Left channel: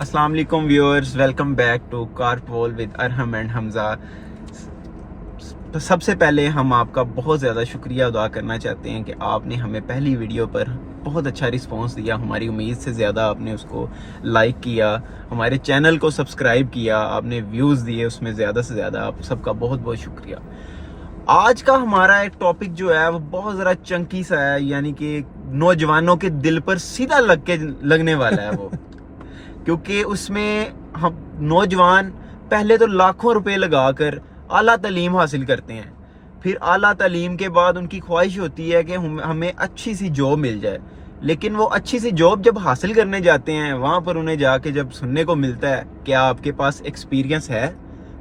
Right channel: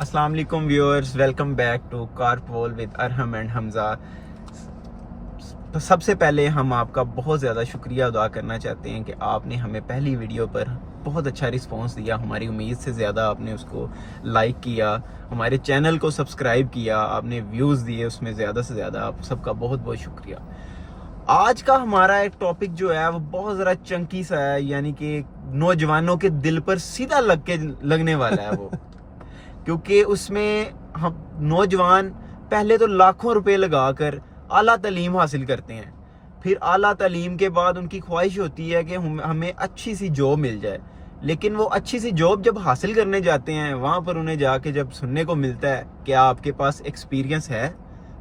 السلام علیکم viewers, welcome back to carpool with Arham and Hamza. سب سے پہلے ہم آپ کا بہت زیادہ شکریہ ادا کرنا چاہتے ہیں کہ آپ نے ہمیں پہلی ویڈیو پر بہت اچھا رسپانس دیا. ہماری امید سے زیادہ آپ نے اس کو لائک کیا، ہمارے چینل کو سبسکرائب کیا، آپ نے ویوز دیے اس میں زیادہ سے زیادہ. آپ سب کا بہت بہت شکریہ. آج کا ہمارا ایک ٹاپک جو ہے وہ بہت ذرا چنکی سا ہے، یعنی کہ نوجوانوں کے دل پر سیدھا لگنے والا ہے وہ. کیونکہ اس میں ہم نوجوان پہلے تو لاکھوں روپے لگا کر اعلیٰ تعلیم حاصل کرتے ہیں، پھر اعلیٰ تعلیم کے بعد ان کی خواہش ہوتی ہے کہ ہمیں اچھی سی جاب مل جائے. لیکن وہ اچھی سی جاب جب حاصل کرنے جاتے ہیں، وہاں پر انہیں جا کے جب سننے کو ملتا ہے کہ آپ کے پاس ایکسپیرینس ہے،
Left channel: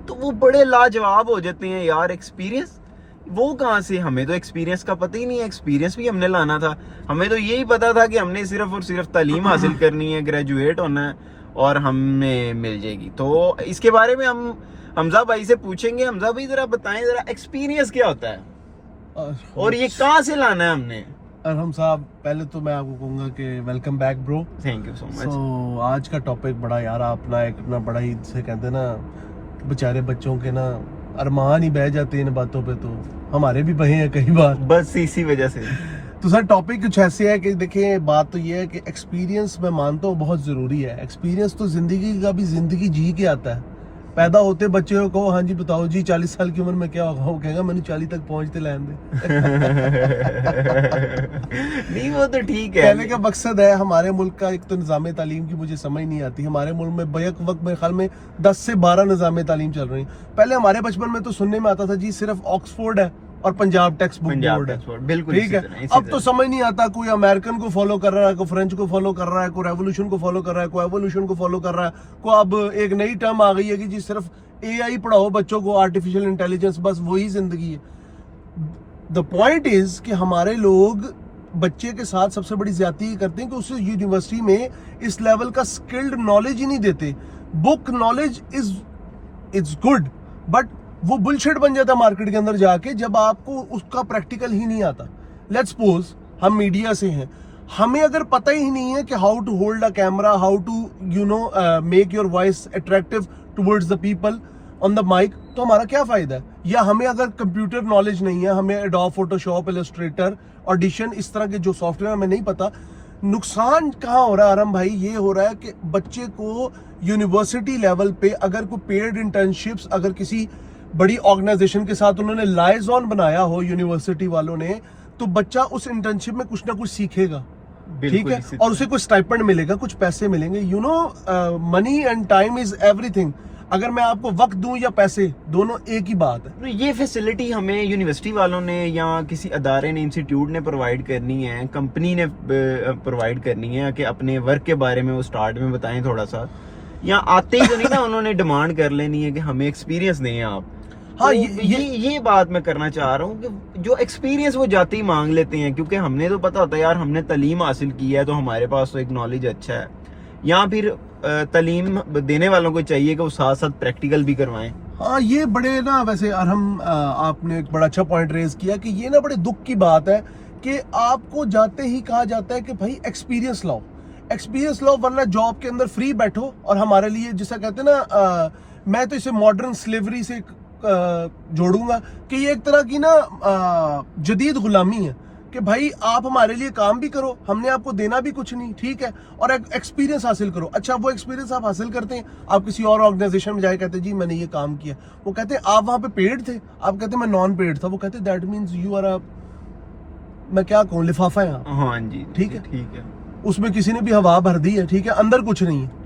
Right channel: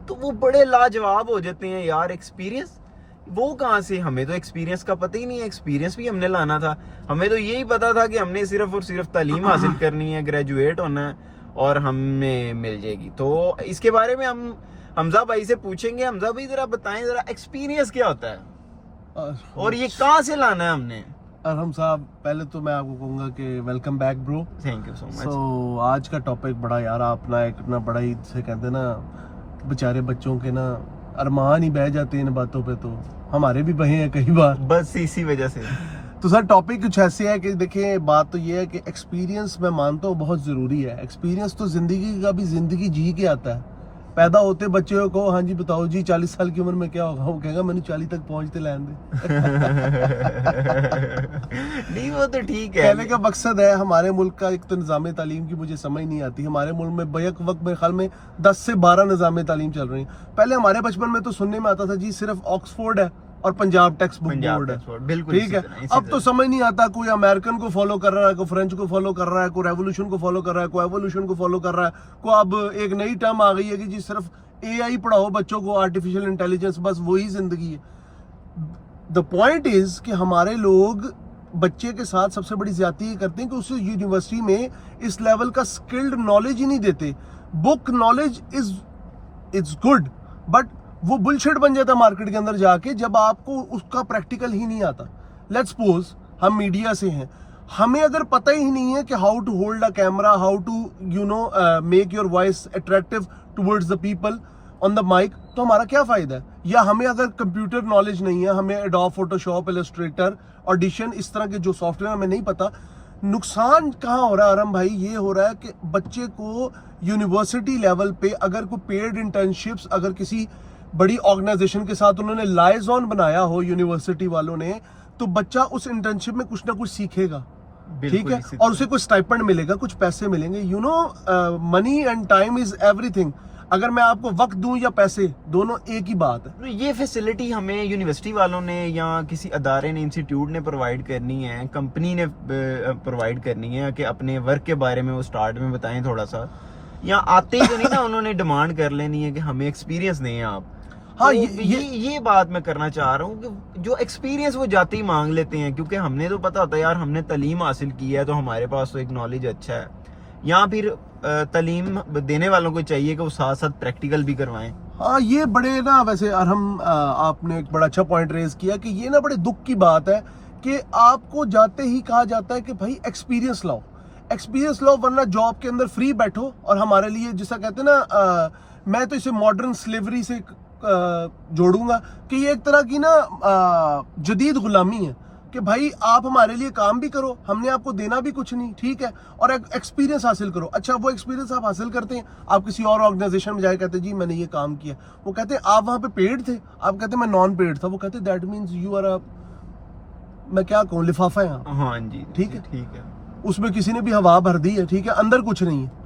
تو وہ بڑے لاجواب ہو جاتے ہیں. یار ایکسپیرینس وہ کہاں سے؟ ہمیں تو ایکسپیرینس کا پتہ ہی نہیں ہے. ایکسپیرینس بھی ہم نے لانا تھا. ہمیں تو یہی پتا تھا کہ ہم نے صرف اور صرف تعلیم حاصل کرنی ہے، گریجویٹ ہونا ہے اور ہمیں مل جائے گی. تو اس کے بارے میں ہم حمزہ بھائی سے پوچھیں گے. حمزہ بھائی ذرا بتائیں، ذرا ایکسپیرینس کیا ہوتا ہے اور یہ کہاں سے لانا ہے ہم نے؟ ارحم صاحب، پہلے تو میں آپ کو کہوں گا کہ ویلکم بیک برو. تھینک یو سو مچ. سو آج کا ٹاپک بڑا یار اپنا ایک نا بڑا ہی سے کہتے ہیں نا، بیچارے بچوں کے نا ارمان ہی بہ جاتے ہیں ان باتوں پہ. تو ہمارے بھی بہے ہیں کئی بار، بس اسی وجہ سے. تو سر ٹاپک کچھ ایسے ہے کہ دیکھیں، بات تو یہ ہے کہ ایکسپیرینس میں مانتا ہوں بہت ضروری ہے. ایکسپیرینس تو زندگی کا بھی زندگی جی کے آتا ہے. پیدا ہوتے بچے کو ہاں جی بتاؤ جی 40 سال کی عمر میں کیا ہوگا، وہ کہے گا میں نے 40 تک پہنچتے لین دے. نہیں وہ تو ٹھیک ہے. کہنے کا مقصد ہے ہمارے ملک کا ایک تو نظام تعلیم کی مجھے سمجھ نہیں آتی. ہمارے ملک میں بیک وقت میرے خیال میں 10 سے 12 نظام تعلیم چل رہی ہیں. پہلے ہمارے بچپن میں تو سننے میں آتا تھا جی صرف آکسفورڈ ہے اور پنجاب ٹیکسٹ بک بورڈ ہے. بالکل ٹھیک ہے. اب تو سمجھ نہیں آتا کوئی امریکن کو فالو کر رہا ہے، کوئی فرینچ کو فالو کر رہا ہے، کوئی ریولوشن کو فالو کر رہا ہے، کوئی ایوولوشن کو فالو کر رہا ہے. کوئی اب ایک نئی ٹرم آ گئی ہے کہ جی صرف اے آئی پڑھاؤ بچوں کو، آرٹیفیشل انٹیلیجنس، بس وہی زندگی ہے. دا پوائنٹ از کہ ہمارے لوگ بچے کے ساتھ سب سے بڑی زیادتی یہ کرتے ہیں کہ اسے یونیورسٹی میں اس لیول کا سکلڈ نالج ہی نہیں دیتے. بک نالج از گڈ، بٹ وہ بلشٹ بن جاتا ہے مارکیٹ کے اندر جا کے جب آپ کو اس کا پریکٹیکل ہی نہیں آتا. لیٹس سپوز ہم میڈیا سے ہیں، ہمیں اگر پتہ ہی نہیں ہے کہ how to hold a camera, how to make your voice attractive towards the people on the mic, تو ہمارا کیا فائدہ ہے؟ یا ہمیں اگر کمپیوٹر نالج نہیں ہے، ہمیں ایڈوب فوٹوشاپ، السٹریٹر، آڈیشن، اس طرح کے جو سافٹ ویئر ہمیں نہیں پتا. نقصان کہاں ہو رہا ہے ارحم بھائی؟ یہ ہو رہا ہے کہ بچے کو یونیورسٹی لیول پہ اگر کوئی پیڈ انٹرنشپس اگر کسی بڑی آرگنائزیشن کے ساتھ انہوں نے لائزون بنایا ہو یونیورسٹی والوں نے، تو بچہ اس انٹرنشپ میں کچھ نہ کچھ سیکھے گا. ٹھیک ہے. اور اسے کوئی اسٹائپنڈ ملے گا، کچھ پیسے ملیں گے. You know money and time is ایوری تھنگ. اگر میں آپ کو وقت دوں یا پیسے، دونوں ایک ہی بات ہے. یہ فیسلٹی ہمیں یونیورسٹی والوں نے یا کسی ادارے نے، انسٹیٹیوٹ نے پرووائڈ کرنی ہے، کمپنی نے پرووائڈ کرنی ہے کہ اپنے ورک کے بارے میں وہ سٹارٹ میں بتائیں تھوڑا سا. یا آتے ہی تو نہیں نا انہوں نے ڈیمانڈ کر لینی ہے کہ ہمیں ایکسپیرینس دیں آپ. ہاں یہ بات میں کرنا چاہ رہا ہوں کہ جو ایکسپیرینس وہ جاتے ہی مانگ لیتے ہیں، کیونکہ ہم نے تو پتا ہوتا ہے یار ہم نے تعلیم حاصل کی ہے تو ہمارے پاس تو ایک نالج اچھا ہے. یا پھر تعلیم دینے والوں کو چاہیے کہ وہ ساتھ ساتھ پریکٹیکل بھی کروائیں. ہاں یہ بڑے نا، ویسے ارحم آپ نے ایک بڑا اچھا پوائنٹ ریز کیا کہ یہ نا بڑے دکھ کی بات ہے کہ آپ کو جاتے ہی کہا جاتا ہے کہ بھائی ایکسپیرینس لاؤ، ایکسپیرینس لاؤ، ورنہ جاب کے اندر فری بیٹھو. اور ہمارے لیے جیسا کہتے ہیں نا، میں تو اسے ماڈرن سلیوری سے جوڑوں گا کہ یہ ایک طرح کی نا جدید غلامی ہے کہ بھائی آپ ہمارے لیے کام بھی کرو، ہم نے آپ کو دینا بھی کچھ نہیں، ٹھیک ہے، اور ایکسپیرینس حاصل کرو. اچھا وہ ایکسپیرینس آپ حاصل کرتے ہیں، آپ کسی اور آرگنائزیشن میں جائے کہتے ہیں جی میں نے یہ کام کیا، وہ کہتے ہیں آپ وہاں پہ پیڈ تھے، آپ کہتے ہیں میں نان پیڈ تھا، وہ کہتے ہیں دیٹ مینز یو آر میں کیا کہوں، لفافہ ہے آپ. ہاں جی ٹھیک ہے. ٹھیک ہے. اس میں کسی نے بھی ہوا بھر دی ہے، ٹھیک ہے، اندر کچھ نہیں ہے.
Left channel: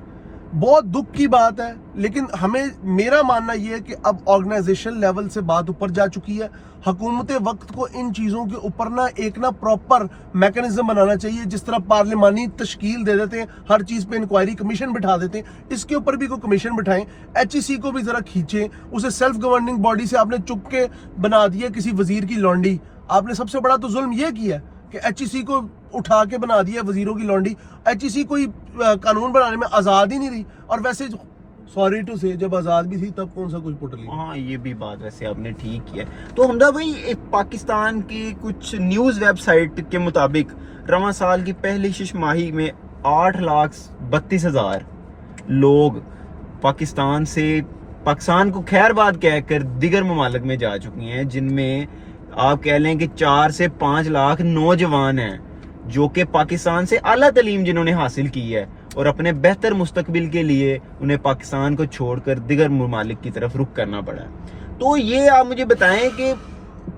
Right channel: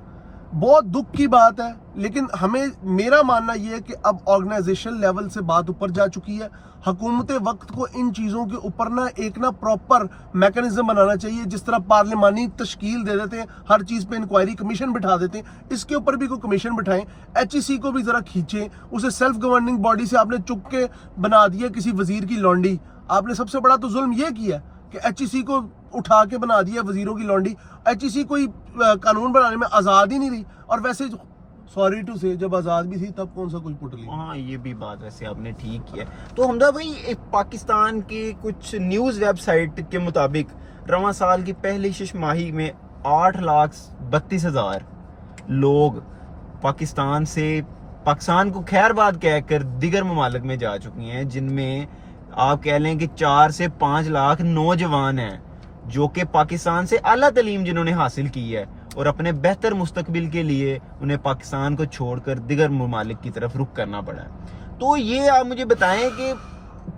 بہت دکھ کی بات ہے. لیکن ہمیں، میرا ماننا یہ ہے کہ اب آرگنائزیشن لیول سے بات اوپر جا چکی ہے. حکومت وقت کو ان چیزوں کے اوپر نا ایک نا پراپر میکنزم بنانا چاہیے. جس طرح پارلیمانی تشکیل دے دیتے ہیں، ہر چیز پہ انکوائری کمیشن بٹھا دیتے ہیں، اس کے اوپر بھی کوئی کمیشن بٹھائیں. ایچ ای سی کو بھی ذرا کھینچیں. اسے سیلف گورننگ باڈی سے آپ نے چک کے بنا دیا کسی وزیر کی لونڈی. آپ نے سب سے بڑا تو ظلم یہ کیا ہے کہ ایچ ای سی کو اٹھا کے بنا دیا وزیروں کی لونڈی. ایچ ای سی کوئی قانون بنانے میں آزاد ہی نہیں رہی. اور ویسے سوری ٹو سے جب آزاد بھی تھی تب کون سا کچھ پٹ لیا. ہاں یہ بھی بات ویسے آپ نے ٹھیک کیا. تو حمزہ بھائی، پاکستان کی کچھ نیوز ویب سائٹ کے مطابق رواں سال کی پہلی شش ماہی میں 8,32,000 لوگ پاکستان کو خیر بات کہہ کر دیگر ممالک میں جا چکی ہیں، جن میں آپ کہہ لیں کہ 4 سے 5 لاکھ نوجوان ہیں جو کہ پاکستان سے اعلیٰ تعلیم جنہوں نے حاصل کی ہے اور اپنے بہتر مستقبل کے لیے انہیں پاکستان کو چھوڑ کر دیگر ممالک کی طرف رخ کرنا پڑا ہے۔ تو یہ آپ مجھے بتائیں کہ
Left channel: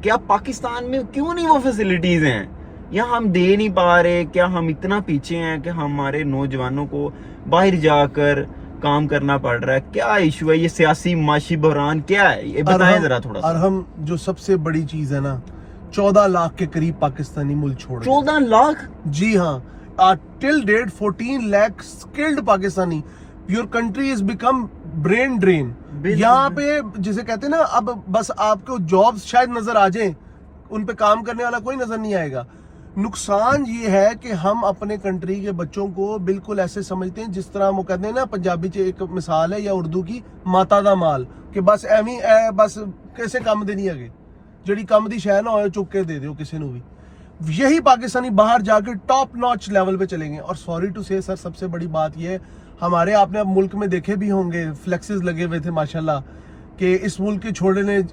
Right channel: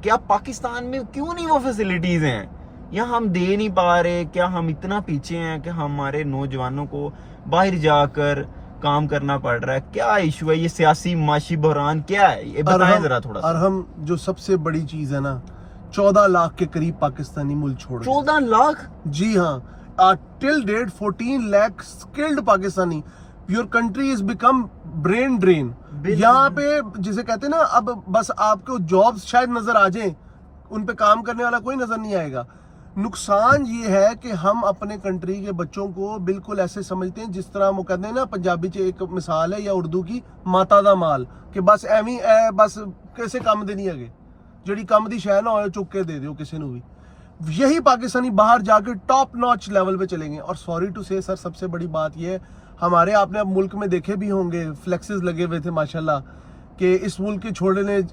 کیا پاکستان میں کیوں نہیں وہ فیسلٹیز ہیں، یا ہم دے نہیں پا رہے؟ کیا ہم اتنا پیچھے ہیں کہ ہمارے نوجوانوں کو باہر جا کر کام کرنا پڑ رہا ہے؟ کیا ایشو ہے؟ یہ سیاسی معاشی بحران کیا ہے؟ یہ بتائیں ذرا تھوڑا سا۔ اور ہم جو سب سے بڑی چیز ہے نا، 14 لاکھ کے قریب پاکستانی ملک چھوڑ گئے۔ 14 لاکھ؟ جی ہاں، till date 14 lakh skilled Pakistani. Your country is become brain drain. یہاں پہ جسے کہتے ہیں نا، اب بس آپ کو جابز شاید نظر آ جائیں، ان پہ کام کرنے والا کوئی نظر نہیں آئے گا۔ نقصان یہ ہے کہ ہم اپنے کنٹری کے بچوں کو بالکل ایسے سمجھتے ہیں جس طرح وہ کہتے ہیں نا، پنجابی چ ایک مثال ہے یا اردو کی، ماتا دا مال، کہ بس ایویں بس کیسے کم دینی ہے، جڑی کم دی شے نہ ہوئے چک کے دے دیو کسی نو بھی۔ یہی پاکستانی باہر جا کے ٹاپ ناچ لیول پہ چلیں گے۔ اور سوری ٹو سے سر، سب سے بڑی بات یہ ہے، ہمارے آپ نے اب ملک میں دیکھے بھی ہوں گے، فلیکسز لگے ہوئے تھے ماشاءاللہ، کہ اس ملک کے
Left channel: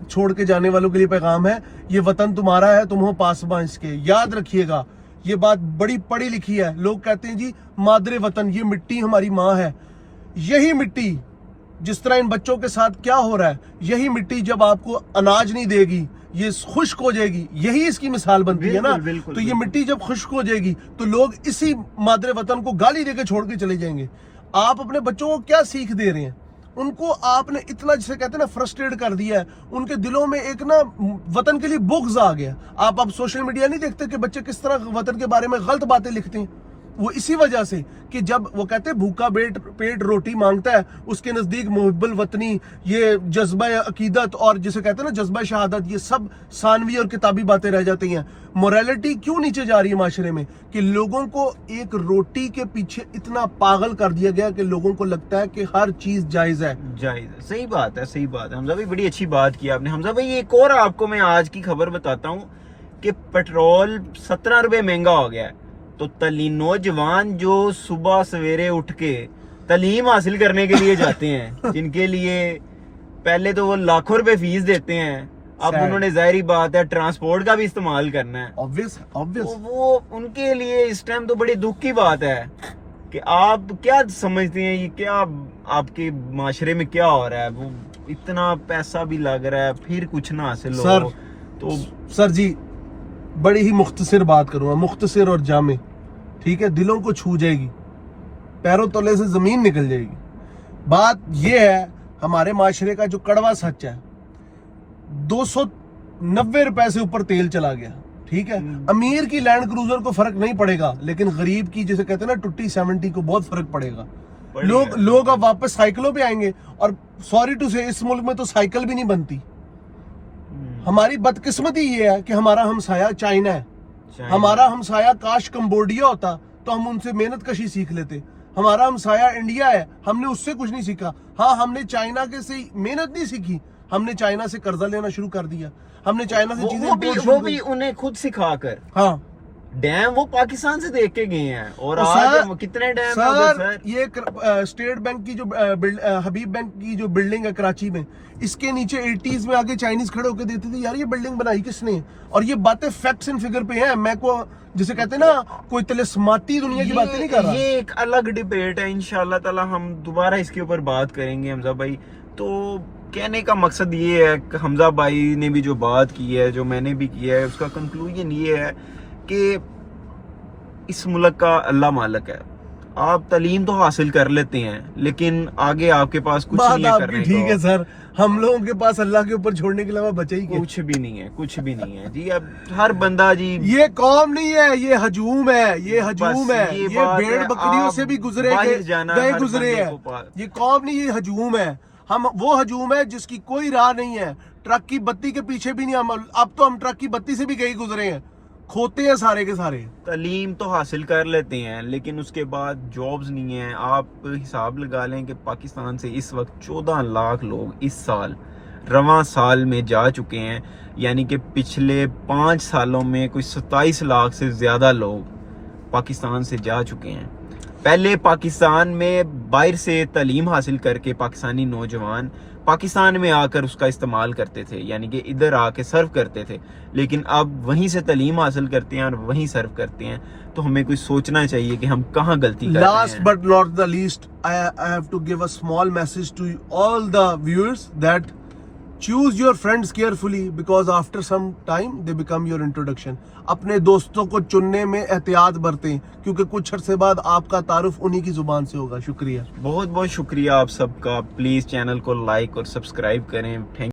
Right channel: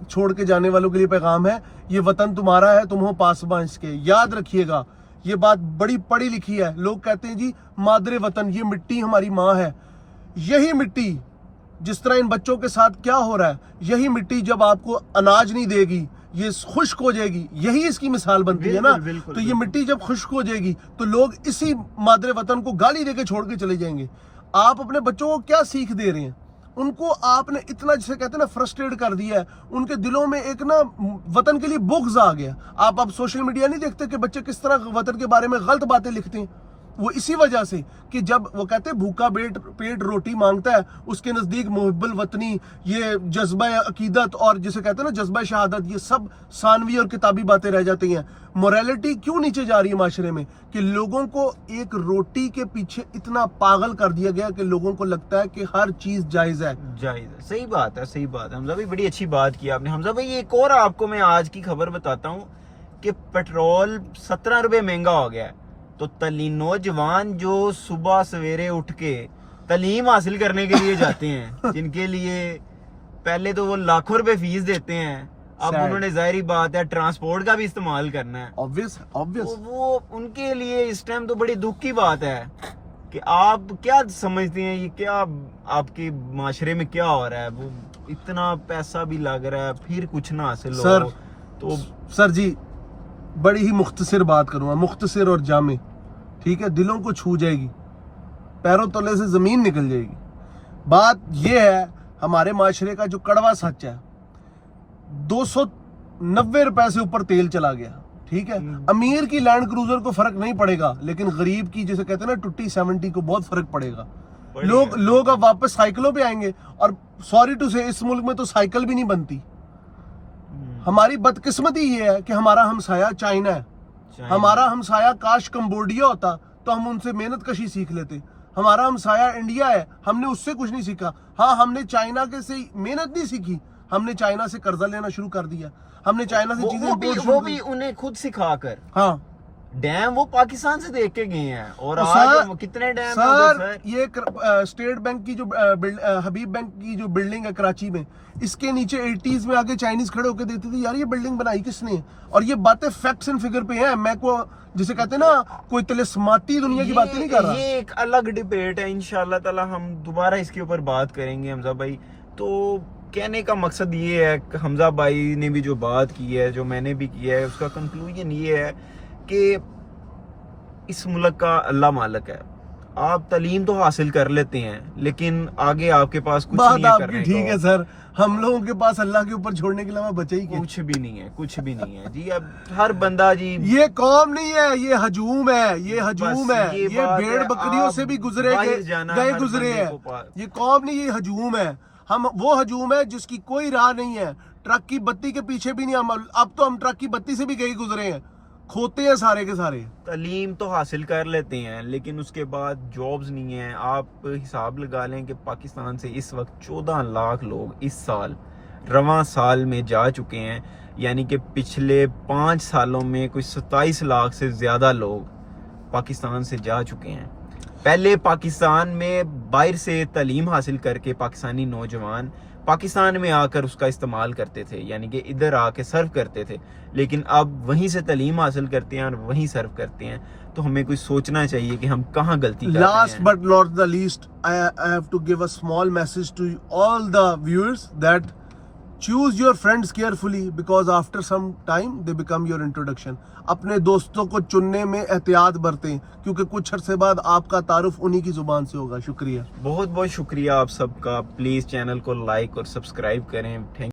چھوڑ کے جانے والوں کے لیے پیغام ہے، یہ وطن تمہارا ہے، تم ہو پاسباں اس کے۔ یاد رکھیے گا، یہ بات بڑی پڑھی لکھی ہے۔ لوگ کہتے ہیں جی مادر وطن، یہ مٹی ہماری ماں ہے۔ یہی مٹی جس طرح ان بچوں کے ساتھ کیا ہو رہا ہے، یہی مٹی جب آپ کو اناج نہیں دے گی، یہ خشک ہو جائے گی، یہی اس کی مثال بنتی ہے نا۔ تو یہ مٹی جب خشک ہو جائے گی تو لوگ اسی مادر وطن کو گالی دے کے چھوڑ کے چلے جائیں گے۔ آپ اپنے بچوں کو کیا سیکھ دے رہے ہیں؟ ان کو آپ نے اتنا، جسے کہتے ہیں نا، فرسٹریٹ کر دیا ہے، ان کے دلوں میں ایک نا وطن کے لیے بغض آ گیا۔ آپ اب سوشل میڈیا نہیں دیکھتے کہ بچے کس طرح وطن کے بارے میں غلط باتیں لکھتے ہیں؟ وہ اسی وجہ سے کہ جب وہ کہتے ہیں بھوکا پیٹ روٹی مانگتا ہے، اس کے نزدیک محب الوطنی، یہ جذبہ عقیدت اور جسے کہتے ہیں نا جذبہ شہادت، یہ سب ثانوی اور کتابی باتیں رہ جاتی ہیں۔ موریلٹی کیوں نیچے جا رہی ہے معاشرے میں؟ کہ لوگوں کو ایک روٹی کے پیچھے اتنا پاگل کر دیا گیا کہ لوگوں کو لگتا ہے کہ ہر چیز جائز ہے۔ صحیح بات ہے، صحیح بات ہے حمزہ بھائی، بڑی اچھی بات کی آپ نے۔ حمزہ بھائی ایک اور آپ کو میں آج کی خبر بتاتا ہوں کہ پیٹرول 17 روپے مہنگا ہو گیا ہے۔ تو نوجوان جو صبح سویرے اٹھ کے تعلیم حاصل کرنے کے لیے جاتے ہیں، جن کے لیے پہلے تو وہ لاکھوں روپے فیس دیتے ہیں، اب انہوں نے ظاہری بات ہے ٹرانسپورٹ کا بھی استعمال کرنا ہے، تو وہ ان کے لیے اس ٹائم تو بڑی دکھ کی بات ہے کہ آپ کیا سمجھتے ہیں، یہ کیا آپ کے معاشرے میں کیا ہو رہا ہے؟ وہ اتنا پیسہ بھی لگ رہا ہے، پھر کچھ نہ حاصل ہو۔ تو سر جی بڑی ہی مختصر بات کروں گا، مختصر اور جامع، ٹھیک ہے، دلوں کو چھو جائے گی، پیروں تلے سے زمین نکل جائے گی۔ بات یہ ہے، ہمارے معاشرے کا جو کڑوا سچ ہے، 290 روپے سے اوپر تیل چلا گیا، ٹھیک ہے۔ امیر کی لینڈ کروزر کو فرق نہیں پڑے گا، لیکن غریب کی جسے کہتے ہیں نا ٹوٹی 70 کو بہت فرق پڑے گا۔ لوگ اب واپس سائیکلوں پہ آئیں گے، اور سوری ٹو سے اس ملک میں تو سائیکل بھی نہیں بنتی۔ ہماری بدقسمتی یہ ہے کہ ہمارا ہمسایہ چائنا ہے، ہمارا ہمسایہ کاش کمبوڈیا ہوتا تو ہم ان سے محنت کشی سیکھ لیتے۔ ہمارا ہمسایہ انڈیا ہے، ہم نے اس سے کچھ نہیں سیکھا۔ ہاں، ہم نے چائنا کے سے محنت نہیں سیکھی، ہم نے چائنا سے قرضہ لینا شروع کر دیا، ہم نے چائنا سے چیزیں وہ بھی انہیں خود سکھا کر۔ ہاں، ڈیم وہ پاکستان سے دیکھ کے گئے ہیں، اور آج کتنے ڈیم ہیں سر؟ یہ اسٹیٹ بینک کی جو حبیب بینک کی جو بلڈنگ ہے کراچی میں، اس کے نیچے 80s میں آگے چائنیز کھڑے ہو کے دیتے تھے، یار یہ بلڈنگ بنائی کس نے؟ اور یہ باتیں فیکٹس اینڈ فگر پہ ہیں، میں کو جسے کہتے ہیں نا کوئی تلسماتی دنیا کی باتیں نہیں کر رہا۔ یہ ایک الگ ڈیبیٹ ہے، انشاءاللہ تعالی ہم دوبارہ اس کے اوپر بات کریں گے حمزہ بھائی۔ تو کہنے کا مقصد یہ ہے کہ حمزہ بھائی نے بھی جو بات کی ہے، جو میں نے بھی کیا ہے، اس کا کنکلوژن یہ ہے کہ اس ملک کا اللہ مالک ہے۔ آپ تعلیم تو حاصل کر لیتے ہیں، لیکن آگے آپ کے پاس کچھ نہیں ہے کرنے کا۔ ٹھیک ہے سر، ہم لوگوں کے پاس اللہ کے اوپر چھوڑنے کے علاوہ بچے ہی کچھ بھی نہیں ہے، کچھ بھی نہیں ہے جی۔ اب ہر بندہ جی، یہ قوم نہیں ہے، یہ ہجوم ہے، یہ ہجوم ہے، یہ بھیڑ بکریوں سے بھی گزرے گزرے ہیں۔ یہ قوم نہیں، یہ ہجوم ہے۔ ہم وہ ہجوم ہے جس کی کوئی راہ نہیں ہے، ٹرک کی بتی کے پیچھے بھی نہیں۔ اب تو ہم ٹرک کی بتی سے بھی گئے گزرے ہیں، کھوتے ہیں سارے کے سارے۔ تعلیم تو حاصل کر لیتے ہیں، لیکن اس کے بعد جابز نہیں ہیں۔ آپ حساب لگا لیں کہ پاکستان سے اس وقت 14 لاکھ لوگ اس سال رواں سال میں جا چکے ہیں، یعنی کہ پچھلے 5 سالوں میں کوئی 27 لاکھ سے زیادہ لوگ پاکستان سے جا چکے ہیں۔ پہلے پاکستان میں باہر سے تعلیم حاصل کر کے پاکستانی نوجوان پاکستان میں آ کر اس کا استعمال کرتے تھے، یعنی کہ ادھر آ کے سرو کرتے تھے، لیکن اب وہیں سے تعلیم حاصل کرتے ہیں اور وہیں سرو کرتے ہیں. تو ہمیں کوئی سوچنا چاہیے کہ ہم کہاں غلطی کر رہے ہیں. Last but not the least, I have to give a small message to all the viewers that choose your friends carefully because after some time they become your introduction. اپنے دوستوں کو چننے میں احتیاط برتیں کیونکہ کچھ عرصے بعد آپ کا تعارف انہی کی زبان سے ہوگا. شکریہ. بہت بہت شکریہ آپ سب کا. پلیز چینل کو لائک اور سبسکرائب کریں. تھینک